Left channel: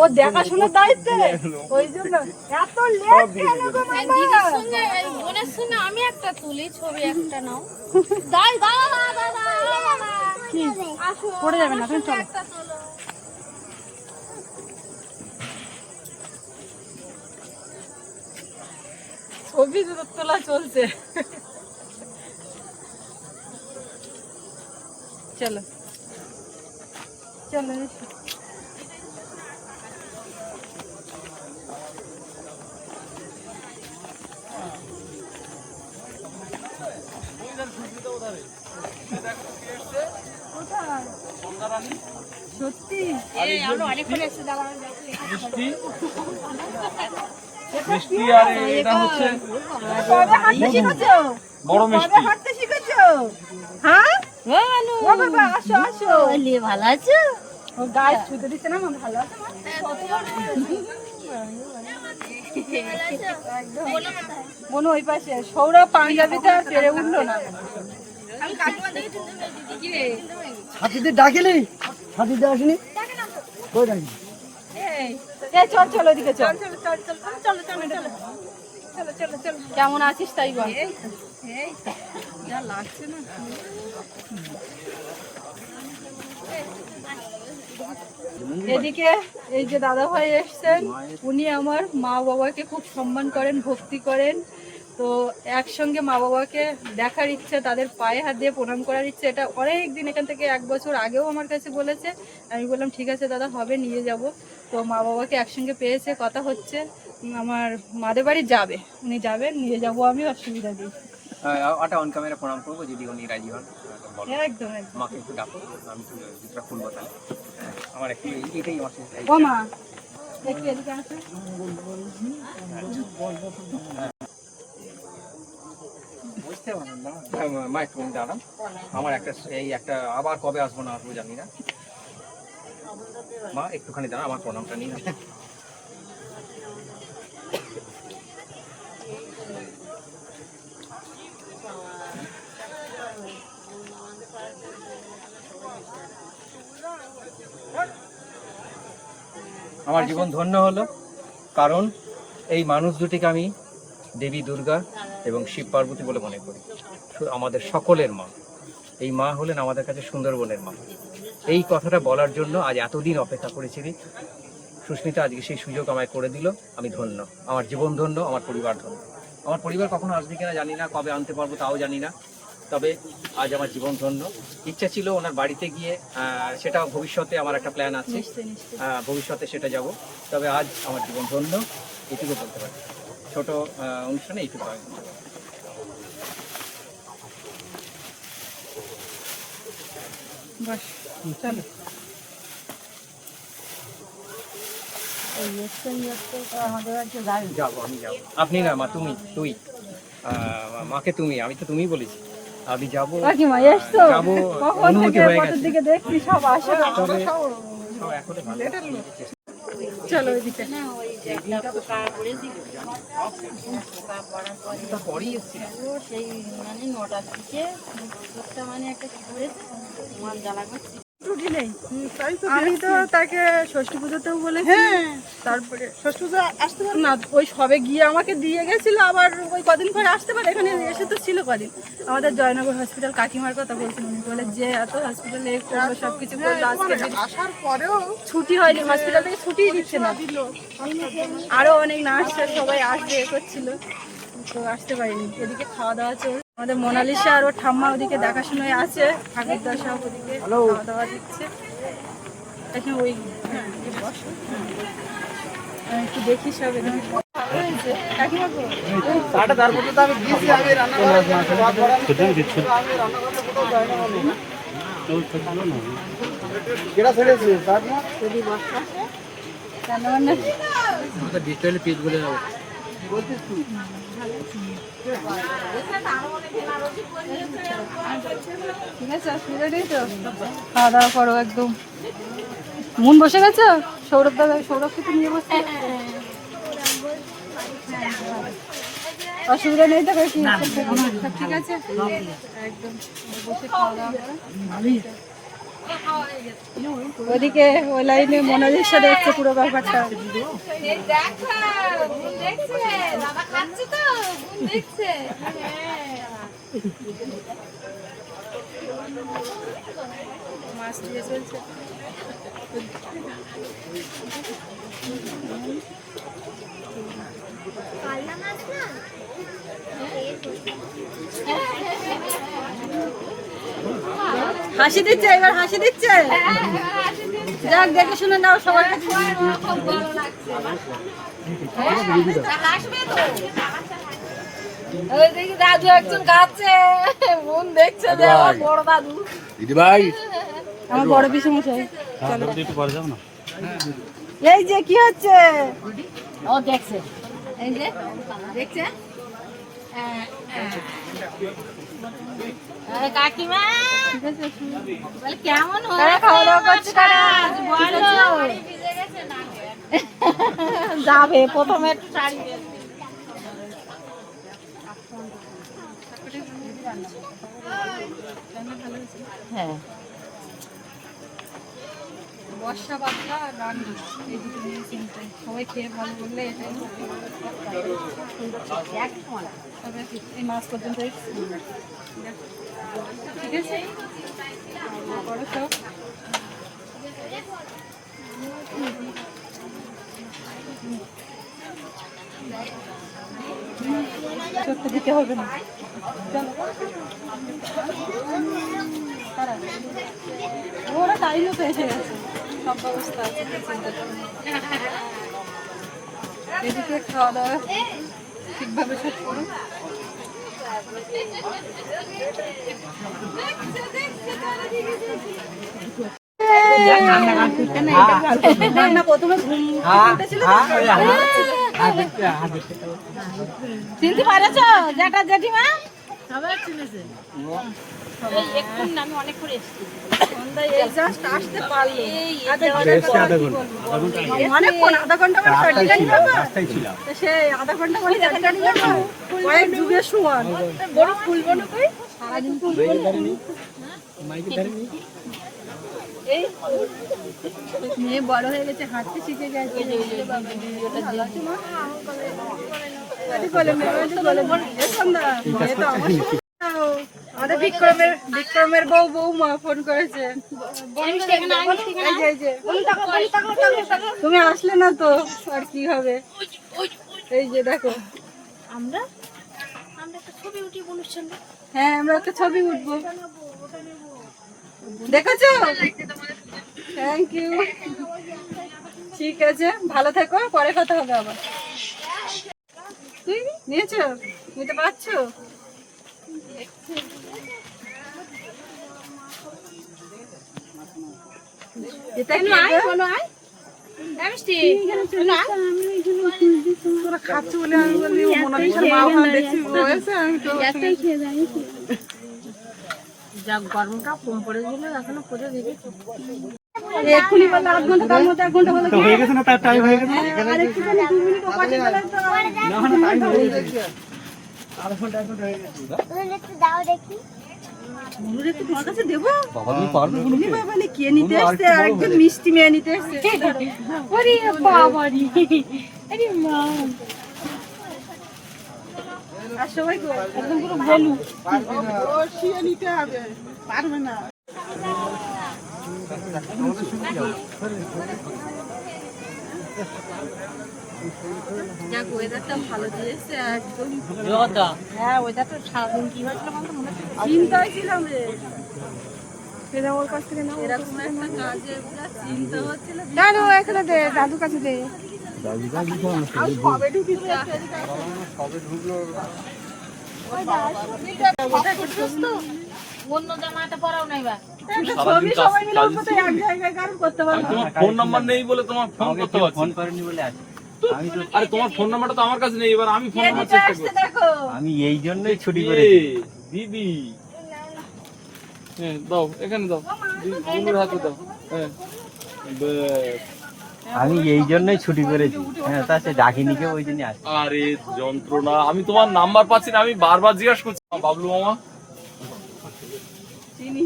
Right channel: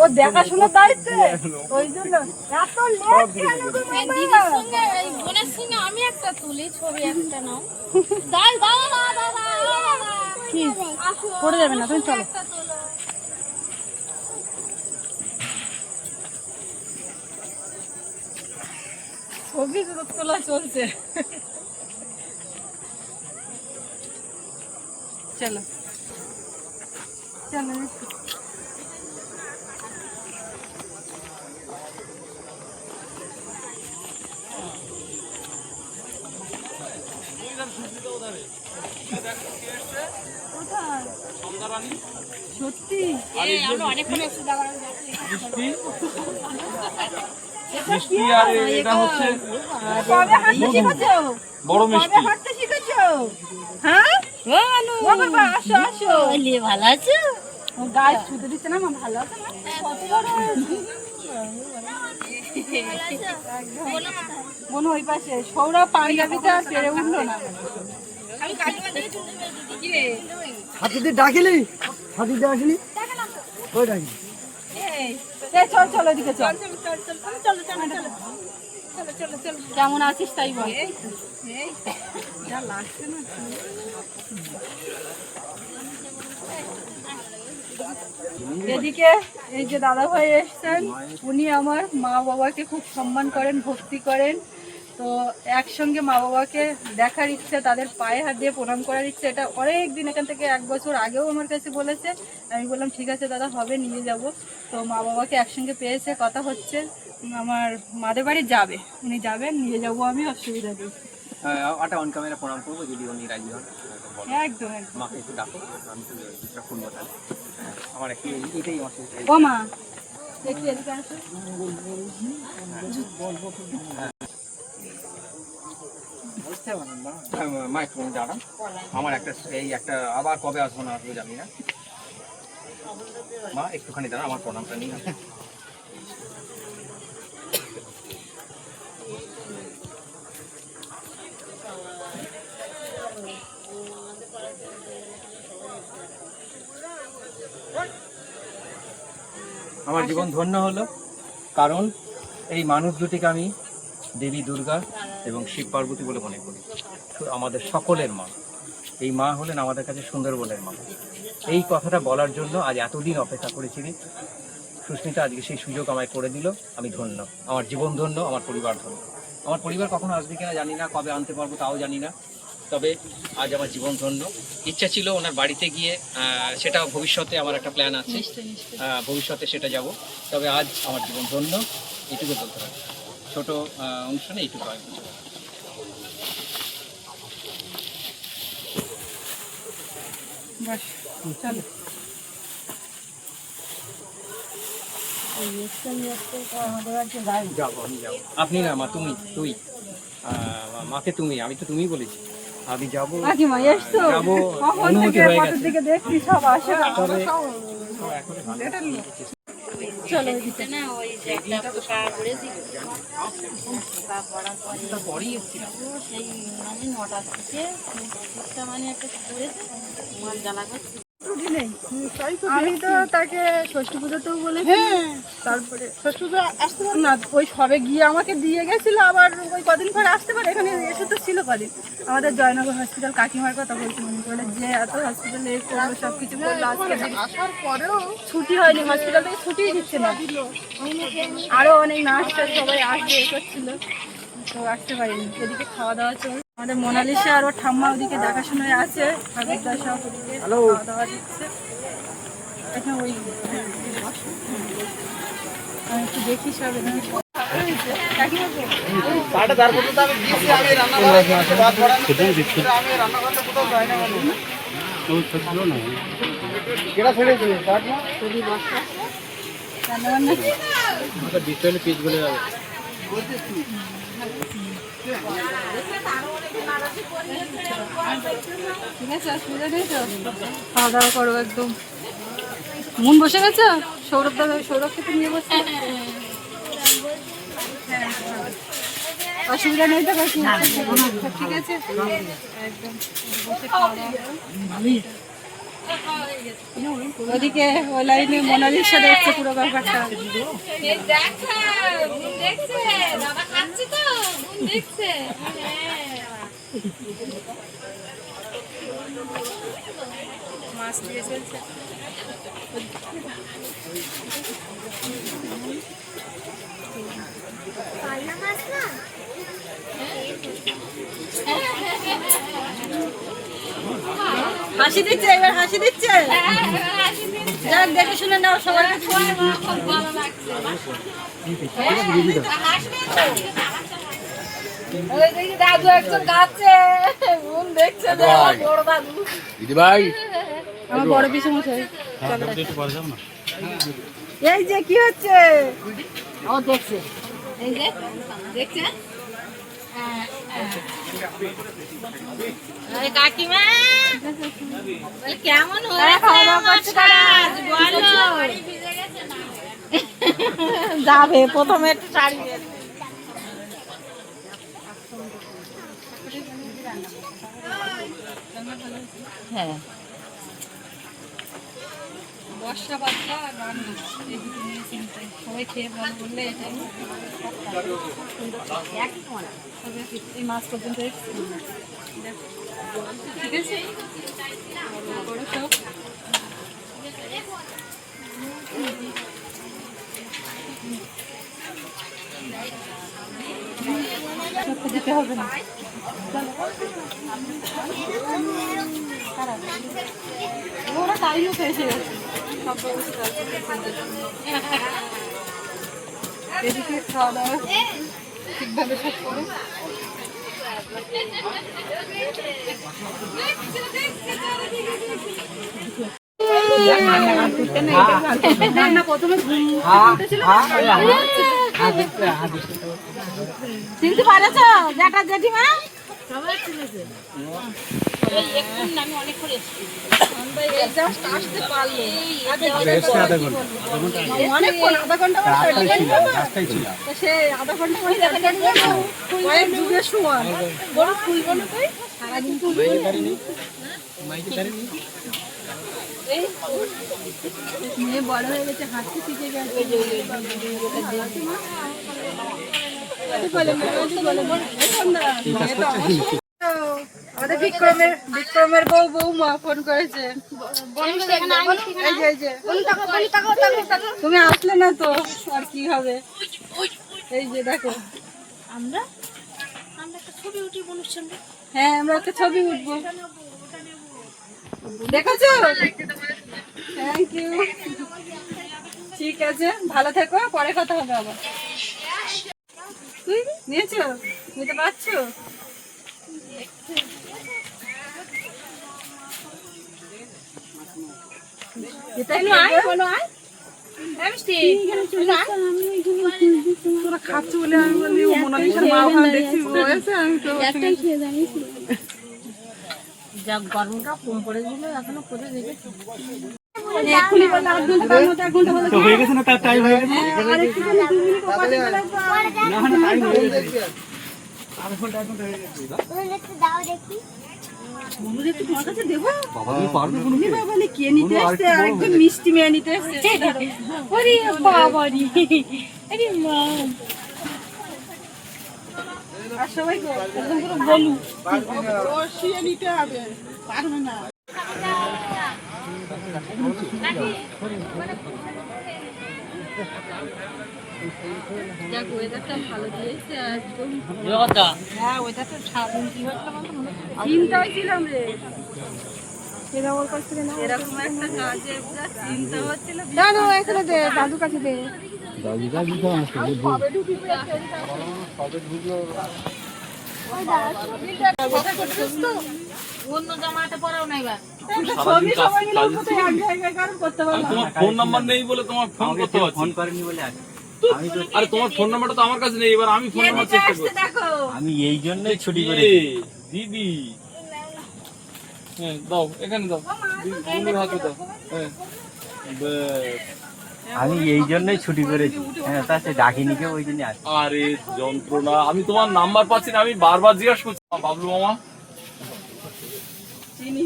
ও দেখাশোনার দায়িত্বে? ওই জন্য। এত লেট কেন গো সঙ্গে এই বোনের সঙ্গে আমি একটা তুলি ছবি একটা নাও। দাই দাদা দাদা দাদা কি? পড়ে যাবে না তুমি চলো। একটা তোলো। ছবি তোলা চলছে। চলো? সত্যি মিষ্টি আর এটা হচ্ছে হাঁটতে বড় মিষ্টি। ও বাবা আসো আসো ভালো আছো ও গায়ে ছুতে দিচ্ছে না মা ভালো আছে মা? কত বড় বোন ওই পাশে সৌরভ পাঞ্জাবিতে আর পেরে উঠল না হাতিতে ডাকিলি হাতিতে আসেনি কই ডাকি এই, এই চল চল ওদিকে চলো চলো চলো চলো চলো চলো কেমন আছিস তাই বল। এদিকে এই যে দাদা ভাই এসছেন, উনি আমার মা বাবাকে খুব সম্মান করেন, ভক্তি করেন। তো একসঙ্গে মা বাবাকে দেখার ইচ্ছে, তাদের পায়ে হাত দিয়ে প্রণাম করার ইচ্ছে, এটা অনেক দিন এখান থেকে এক বছর আগেও আমার কাছে বলেছে। আমি বললাম, ঠিক আছে দাদা, হবে, নিয়ে যাব। তো মা বাবাকে একসঙ্গে পেয়েছে, কথা হচ্ছে। আমার মাদের বাড়ি যাবে। উনি যাবেন নিয়ে যাব আমি অসুবিধা নেই। ওটা অন ক্যামেরা প্রণাম করব যদি উনি রাজি হন। ওটা বলো। একদম একদম। মাকে একটু ডাকো আমি তো খুলবো তাহলে। আমার একটু এটাই আমার ও মা দেখি এদিকে আসো। হ্যাঁ, মা- মা একটু দাঁড়ান আমার একটা এই একটা আবার কবে আসব না আসব জানি না। মা একটুখানি দাঁড়া আমার প্রণামটা নিয়ে আমার জীবন ধন্য হলো, কারণ এই মানুষ দুটিকে আমি দেবী দুর্গা এবং শিব পার্বতী বলে মনে করি। আমাদের সকলের মা। এই মা হলেন আমাদের কাছে সুন্দরবনের মা। এই কথাটা বলার জন্য আজ এতদিন অপেক্ষা করেছিলি সুস্মিতা আজকে সেই সুযোগ আমায় করে দিল, আমি ধন্য। আমার জীবন ধন্য, আমার পরিবার ধন্য। আমার পরিবার কখনো আসবে কিনা জানি না, কবে আনতে পারব তাও জানি না। তবে আজ আমার জীবন ধন্য। ইচ্ছা ছিল ওনার বাড়িতে গিয়ে সেটা ভবিষ্যতে আমার একটা প্ল্যান আছে। ভবিষ্যতে সেটা যাব। তবে আজ আমার জীবন ধন্য। এটুকু বলতে পারি। ছোট অনুষ্ঠানে এইটুকু যাব আপনি না মা তুমি তুই। মাকে তুমি আমি তো তুমি বলেছি। আমি যাব। যাব। অনুমতি হয়ে গেছে। দিকে দেখছি সব আসে। তবে সব ভালো। চলো না ওই যে একটা পোকা পড়েছিল পোকা পড়ার পরে পরেই এসছি সেই মানে নটার দিকে একটা মানে একটা করেছে মাল জ্বালা করছে। ছুটি নেই আমি তো তাকে ষষ্ঠী পুজোতেও বলেছি। তারপরে ষষ্ঠী পুজো আসতে পারে? না ওই সবে গিয়ে আমাকে দিয়ে গেছিল আবার ওই কদিন পরে আসতে পারে এখানে এসে তো ছিল কদিন। আমাদের জয়নগর হসপিটাল কাকিমার কথা বলছি উনি বলে যে এত হসপিটালে করব সব কিছু আসার পরেও ছুটি হয়নি হসপিটাল ছুটি দিচ্ছে না। আরও অনেক নার্স সবাই আসবে এ করছিল তো আসতে পারিনি। ওদিকে খাওয়া দাওয়া চল আমাদের মোনালিসা আর ওর ঠাম্মা ওদিকে দেখাশোনায় আছে ঠাকুরদা সব ওদিকে খাওয়া দাওয়া দিচ্ছে। এখন ওই হ্যাঁ, আমি একটু দেখি সব পেজ বলে যাব ঠিক অসুবিধা নেই তো খাওয়া দাওয়া করো একদম মন বসে গেছে সৌরভ দাদা সৌরভ থেকে নিয়ে বসছে অসুবিধা নেই তো ঠিক আছে একদম বসে খাওয়া দাওয়া ওদিকে ওই লাইনে সাথে দেখছে পুরো ব্যাপারটা এই দেখো, বোন দেখছে, দাদা খাচ্ছে তো, বোন দেখছে। হ্যাঁ। মাছ দিয়ে চলছে হাসি দিচ্ছে এবার হাসি দিচ্ছে? যাক দেখে শুনে নাও সবার কাছে ভালো লাগছে। এই দেখি দাদু একজন গাচ্ছে বোন দেখছে বড় দাদু। আমার বড় পিছু মশাই এই যে কি হচ্ছে? ও দেখছে। এই যে দেখছে? হ্যাঁ, হ্যাঁ। কাকিমা। কেমন যাবে প্রথমে। হ্যাঁ। বর্ষা বাচ্চা আর রান্না। এই দুটো নিয়ে চিন্তা সবাই খেয়ে ভালো বললে এটাই তবে এই মাছ পর্যন্ত ঠিক আছে? দিতে হবে না। ওরা টাইম মতো এসে গেছে। সব ব্যবস্থা আছে চিন্তা এদিকে খাওয়া দাওয়া ঠিকভাবে সব করো। চিনতে পারেছ জ্যাঠা জেঠিমা। অনেকক্ষণ, আধা ঘণ্টা। মানে আধা ঘণ্টা মানে কয়েক যুগের সমান। বড় খুলবো না কই? সারাদিন খুলবো মেয়ে বড় হয়ে গেছে হাঁটতে শিখে গেছে। বলে বলে না। এ সন্ধ্যা, মেয়ে তো আমার সমান। আমাদের বিক্রমের বিক্রমের বউ বৌমা ফোন করেছে। তুমি আসলে না তো আর কি হবে? এই যে দেখো। আমরা? হ্যাঁ আমরা একটা ছবি উঠবো। দেখেছ? থ্যাংক ইউ ঠিক আছে ভালো থেকো পরে কথা হবে আবার। তুই নিয়েছো? নিতে পারছ? এটাই নেব। তোরা খাচ্ছি বলে আমি বলি, মনে হচ্ছে মা ওখানে দেখছি বসে, আমি তো এক্ষুনি বলল আধ ঘণ্টা তার মধ্যে এক ঘণ্টা বলে। হয়ে গেছে না? তার টাইম হয়ে গেছে? আর একটুখানি দু মিনিট ওপাশে না না টাইম হয়ে গেছে। আধা ঘণ্টা হয়ে গেছে। মনুর একটু তোমার কাছে দেবো? তুমি বাবা নে কে নিতে এসছে? আর একজন মিষ্টি মেয়ে নিতে এসছে। ওরে বাবারি। আরে মা। আর সবাই গো একদম পুরো বলু। নিতে হবে। পারবে না। যাক ওয়েদারটা ভালো দিয়েছে একদম হ্যাঁ ওয়েদারটা ছাড়ুন কি হয়েছিল মনে চিন্তায় ছিলাম রে। এরা ওর কাছ থেকে না এরকম একটা কাজের যা চিন্তা হচ্ছিল দাদু এখানে দে দাদুর কাছে ফোন নাম্বার নেই বলে তোমার ফোন করতে পারছি ফোন করেনি বলে আছে আরে তোমার ফোন নাম্বারটা তো আমার কাছে নেই এবার আমি ফোন নাম্বার করছি। দেখো। আমি এই জন্যই ছুটি এ, করেছি। দিদি। হ্যাঁ দাও এখানে দাও। বোনের হাতে দাও। হ্যাঁ। আমি এই জন্যই ছুটি করেছি। হ্যাঁ তা সে ডাকিনি কেউ ওই জন্য আরে যন্ত্রণা। আমি তোমার নাম্বার পাচ্ছি না আমি বারবার জিজ্ঞাসা করছি। বাবলু মামা। চিনি।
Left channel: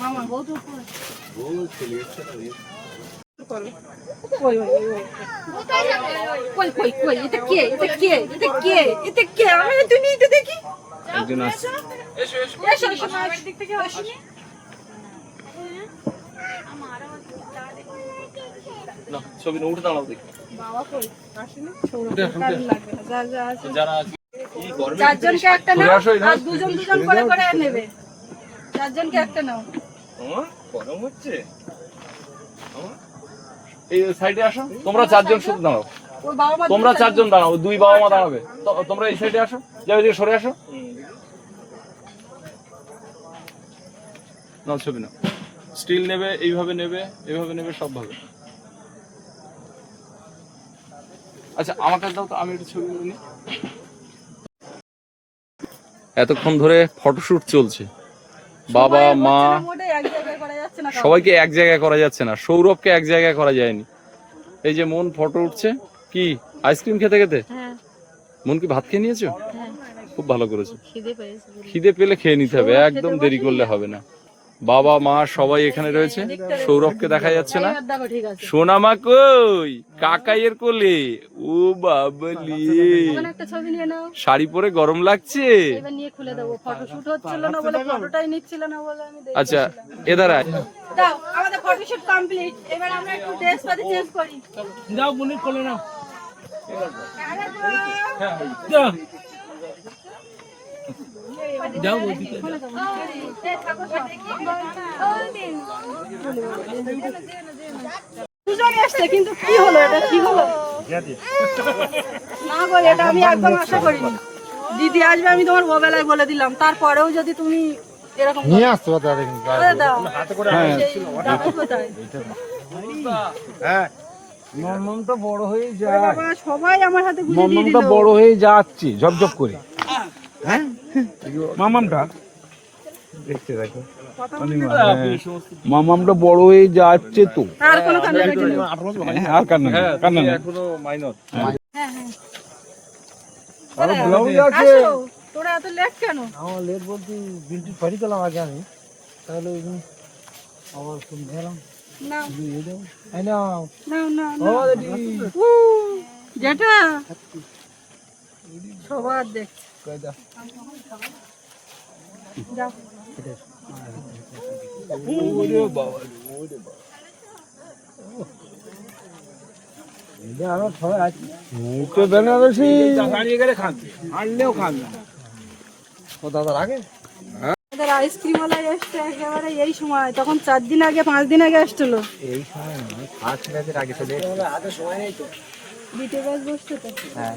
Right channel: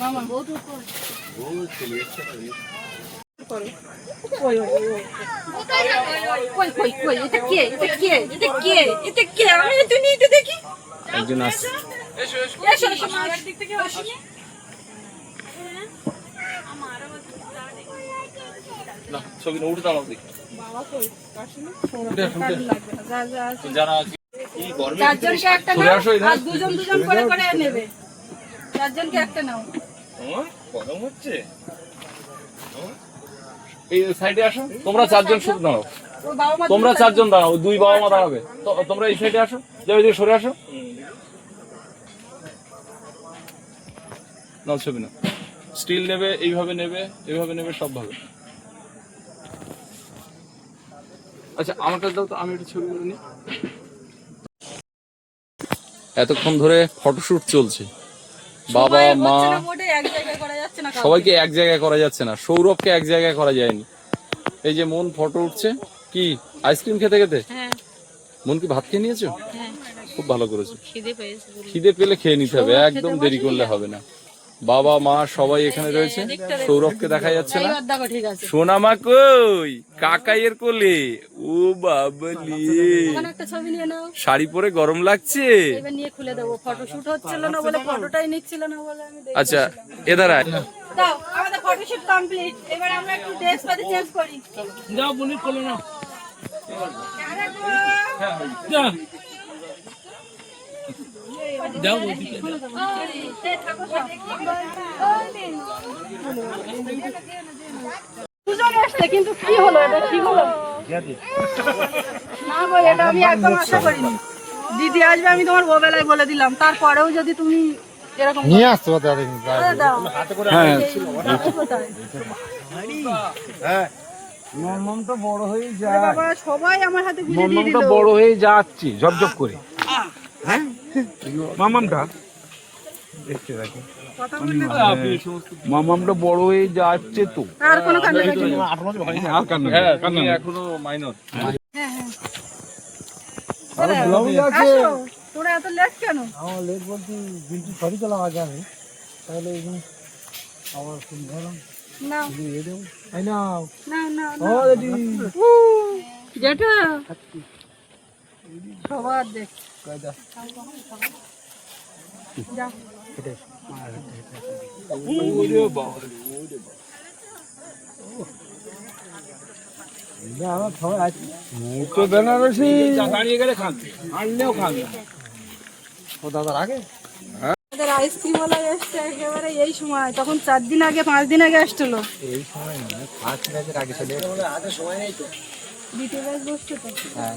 মামা বউ তো কই? করো। ওই, ওই, ওই, ওই। কই, কই, কই, এটা কে? এটা কে? এটা কে? এটা কে? আমি তো নিয়ে তো দেখি। একজন আসছে এসো, এসো, আমার দিক থেকে এসো। না ছবি না উঠে দাঁড়াও দেখি বাবা কই? আসেনি? উঠে আসো, উঠে কার আসো। লাগবে না। যা, যা, আছে। যারা আছে চারজনকে একটা নাও আর দুজন দুজন করে করে নেবে চারজনকে একটা নাও গরম হচ্ছে? এই সাইডে আসো তোমরা চারজন শুধু দাঁড়াও। তোমরা চারজন দাঁড়াও দুই বাবা মা দাঁড়াবে। তোমরা এই সাইডে আসো যাবে দিকে সরে আসো। না ছবি না স্টিল নেবে এইভাবে নেবে এইভাবে নেবে সব ভাবে আচ্ছা আমার কাছে দাও তো আমি একটু ছবি করে নিই। এতক্ষণ ধরে ফটোশুট চলছে। বাবা মা সবাইকে এক জায়গায় করা যাচ্ছে না। সৌরভকে এক জায়গায় করা যায়নি। এই যে মন ফটো উঠছে। কি? আইসক্রিম খেতে খেতে? হ্যাঁ। মন কি ভাত খেয়ে নিয়েছো? হ্যাঁ। খুব ভালো করেছ। খিদে পেলে খেয়ে নিতে হবে। একদম দেরি করলে হবে না। বাবা মা সবাই এখানে রয়েছে। সৌরভকে দেখা যাচ্ছে না। সোনামা কই? কাকাইয়ের কোলে। ও বাবলি। শাড়ি পরে গরম লাগছে? আচ্ছা এ আয় দাও আমাদের ফটো শুট কমপ্লিট এবার আমরা একটু ড্রেস পাতি চেঞ্জ করি। যাও বুনি না যাও যাও ওদিকে দুজন এসছে কিন্তু কি হলো এটা? কি হলো? না বলে এটা আমি একদম আশা করিনি। দিদি আসবে আমি তোমার ওবেলায় বলে দিলাম। তারপরেও যদি তুমি নিয়ে আসতে পারো দাও। দাও তো বড় হয়ে সবাই আমার হাতে মামামটা বড় হয়ে যাচ্ছে ঝপঝপ করে। হ্যাঁ? মামামটা দেখতে দেখো। মামামটা বড় হয়ে যাচ্ছে তো। আর। হ্যাঁ, কান্না কান্না এখনও মাইনর আরও ব্লাউজ আছে। তোরা এত লেট কেন? আমার লেট বলতে বিলটি সরি দিলাম আগে আমি। তাহলে আবার শুন ধরলাম। না। দিয়ে দেবো। এই নাও। না না না। যেটা সবার দেখ। কয় দাও। আমার সবাই আছে। বেনারসি। দাঁড়িয়ে গেলে খান। আনলেও খান ও দাদার আগে? আমাদের আইসক্রিম ওলা এসছে একেবারে এই সময় তখন চার দিন আগে পাঁচ দিন আগে আসছিল। এই সময় না পাঁচ দিন আগে চলে আগে সময় নেই তো। বিটে বসছে তো। হ্যাঁ।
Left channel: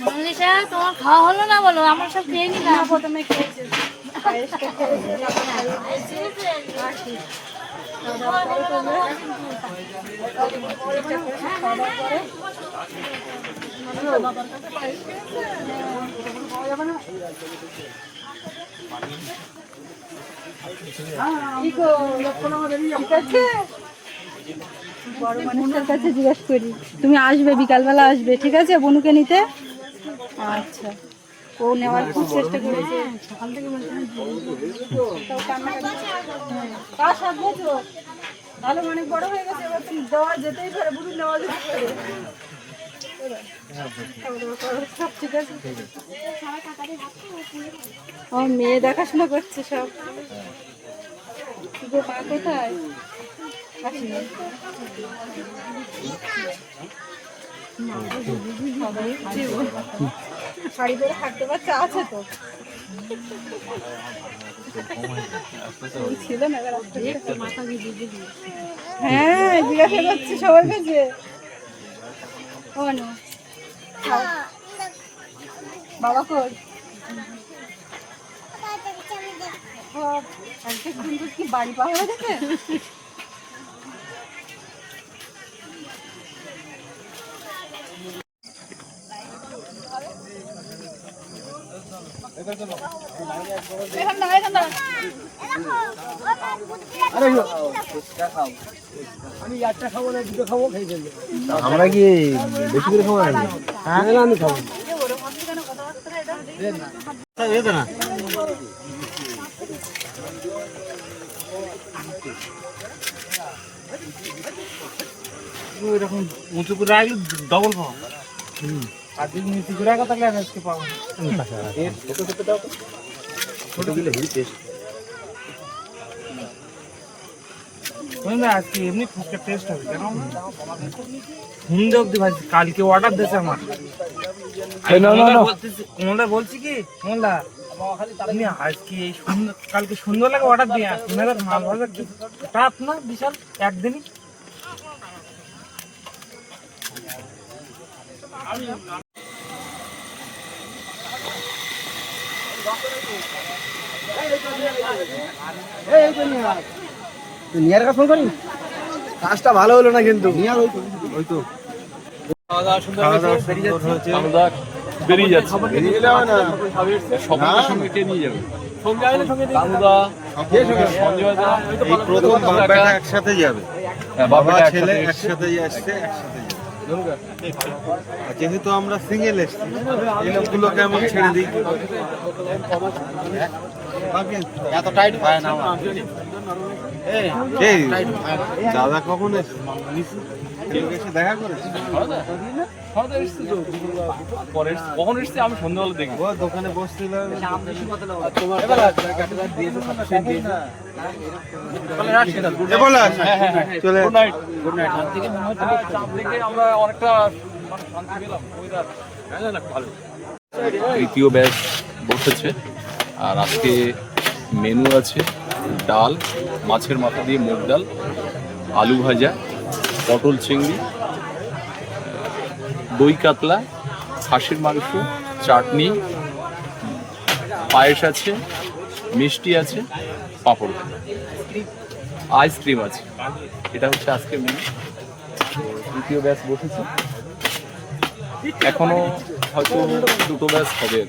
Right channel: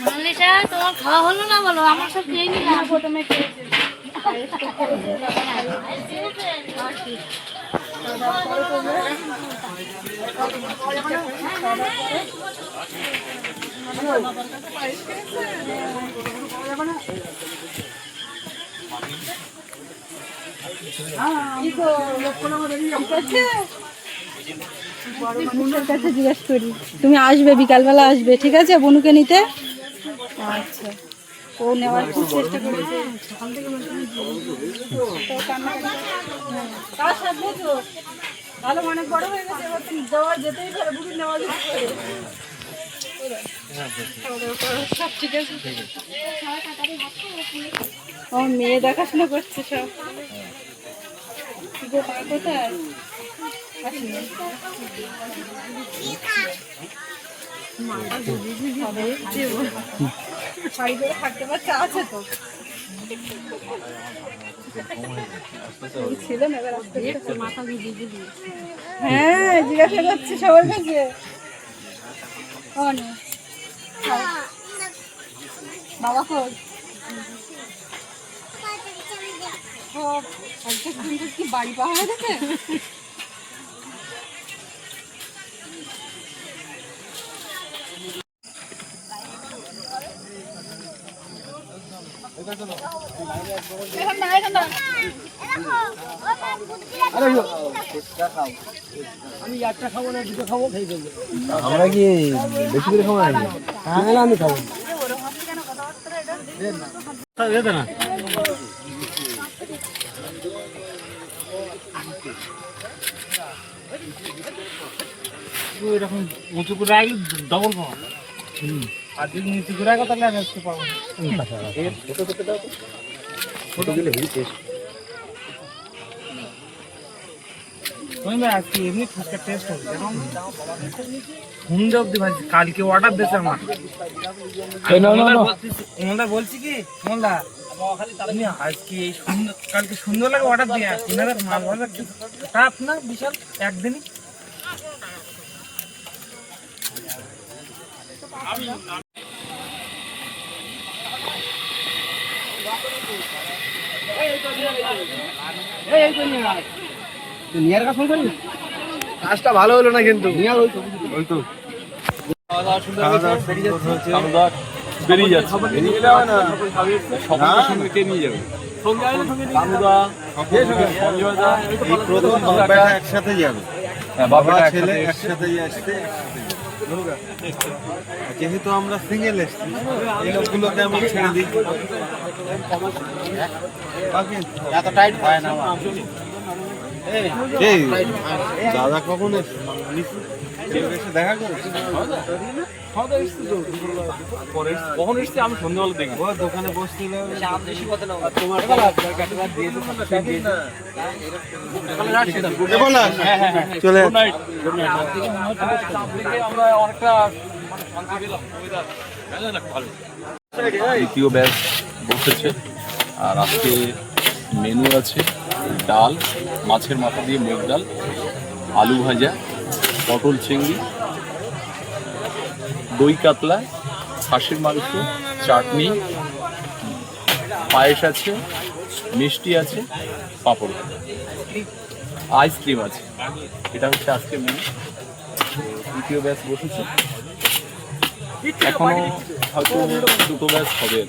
মল্লিকা তোমার খাওয়া হলো না বলো? আমার সব খেয়ে নিলাম। না, প্রথমে খেয়েছে। কি গো, ঠিক আছে? বড় কাছে জিজ্ঞেস করি, তুমি আসবে, বিকালবেলা আসবে, ঠিক আছে, বনুকে নিতে? আচ্ছা। ও নেওয়ার খুব চেষ্টা করেছে। সকাল থেকে তো? আলম অনেক বড় হয়ে গেছে, এবার তো দেওয়া যেতেই পারে নেওয়া যেতে পারে। ও মেয়ে দেখাশোনা করছে সব। গো, মা কোথায়? শাড়ি পরে থাকতে পারছে আছে তো হ্যাঁ জিজ্ঞাসা করছে সবার কাছে বাবা সুন্দর কি বাড়ি পাওয়া হয়ে গেছে এখন না এখন না আমরা কি বেশি করে খাব নাকি হ্যাঁ? আমি খাব। না এরকম উঁচু করে রাখলে ডবল পাবো। আর যদি নিচু করে রাখো তাহলে আজকে পাবো ছোট দিলে হেভি টেস্ট আজকে এমনি ফুচকা টেস্ট হবে কেন? অব্দি ভাবছি কালকে অর্ডার দিয়েছে আমার। মোল্লা বলছি কি মোল্লা তুমি আজকে এই সুন্দর কালকে সুন্দর লাগে অর্ডার দিয়ে আসছি মাল ভাজা না বিশাল একদিনই। নিয়ার কাজ ফোন করুন কাজটা ভালো হলো না কিন্তু। নিয়ার ওই তো ওই তো আমরা বেরিয়ে যাচ্ছে? বেরিয়ে গেলে না। সবাই সঙ্গে কে নিয়ে যাবে। প্রথম বাপ একসাথে যাবে। হ্যাঁ, বাবা ছেলে একসাথে একসাথে আসছে আর যেহেতু আমরা সিঙ্গেল এসছি, এই লোকগুলোকে আমি ছেড়ে দিই। এত টাইট পায় না দাদা কখন এসে দেখা করেছে? এসছি তো পরে এসছি। কখন এসছি আমি সন্ধ্যাবেলা ও দোকানে ব্যাচ বসেছে। আর আজকে মেনু আছে ডাল মাছের মাথা দিয়ে মুগ ডাল আলু ভাজা পটল চিংড়ি দই কাতলা, খাসির মাংস, চাটনি, পায়েস আছে, মিষ্টি আছে, পাঁপড় আইসক্রিম আছে। এটা হচ্ছে আজকে মেনু তৃতীয় ব্যাচ বসেছে। এখনও হয়তো দুটো ব্যাচ হবে।